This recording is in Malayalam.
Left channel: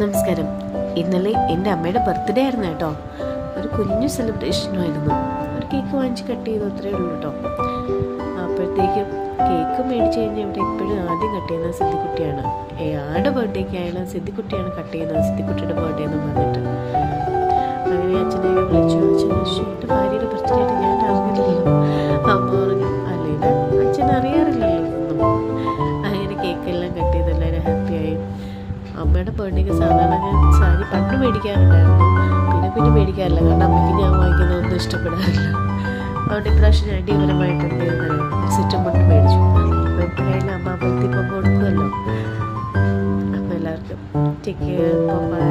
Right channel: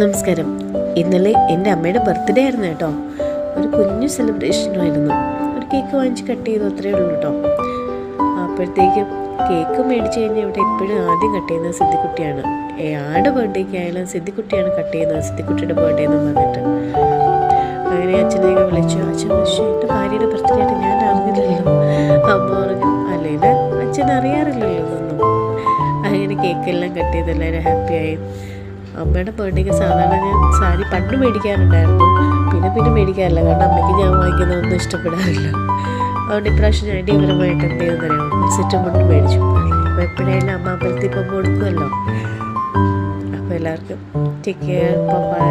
നമസ്കാരം. ഇന്നലെ എൻ്റെ അമ്മയുടെ ബർത്ത്ഡേ ആയിരുന്നു കേട്ടോ. ഒരു കുഞ്ഞു സെലിബ്രേഷനായിരുന്നു. ഒരു കേക്ക് വാങ്ങിച്ച് കട്ട് ചെയ്തു, അത്രയേ ഉള്ളൂ കേട്ടോ. അപ്പോഴത്തേക്കും കേക്ക് മേടിച്ച് കഴിഞ്ഞാൽ ഇവിടെ എപ്പോഴും ആദ്യം കട്ട് ചെയ്യുന്നത് സിദ്ധിക്കുട്ടിയാണ്. ആരുടെ ബർത്ത്ഡേക്ക് ആയാലും സിദ്ധിക്കുട്ടിയാണ് കട്ട് ചെയ്യുന്നത്, സിദ്ധിക്കുട്ടിയുടെ ബർത്ത്ഡേ എന്ന് പറഞ്ഞിട്ട്. അങ്ങനെ അച്ഛനെയൊക്കെ വിളിച്ചു. അച്ഛൻ വിളിച്ചു, എൻ്റെ ഭാര്യയുടെ ബർത്ത്ഡേ ആയിട്ട് ഞാൻ അറിഞ്ഞില്ലല്ലോ. അമ്മ പറഞ്ഞു, അല്ലെങ്കിൽ അച്ഛൻ അറിയാറില്ലല്ലോ ഇതൊന്നും. അങ്ങനെ കേക്കെല്ലാം കട്ട് ചെയ്ത് എല്ലാവരും ഹാപ്പിയായി. അമ്മയുടെ ബർത്ത്ഡേക്ക് സാധാരണ ഞാൻ സാരി പണ്ട് മേടിക്കാറുണ്ടായിരുന്നു, പിന്നെ മേടിക്കാറില്ല. കാരണം അമ്മയ്ക്ക് ഞാൻ വാങ്ങിക്കുന്നതൊന്നും ഇഷ്ടപ്പെടാറില്ല. അതുകൊണ്ട് ഇപ്രാവശ്യം ഞാൻ അടിപൊളിയായിട്ട് എന്ത് ചെയ്യുന്നറിയാമോ, സെറ്റും മുണ്ടും മേടിച്ചു. അപ്പോൾ എപ്പോഴായാലും അമ്മ അമ്പലത്തിൽ പോകുമ്പോൾ കൊടുക്കുമല്ലോ. അപ്പോൾ എല്ലാവർക്കും ടേക്ക് കെയർ, ബൈ.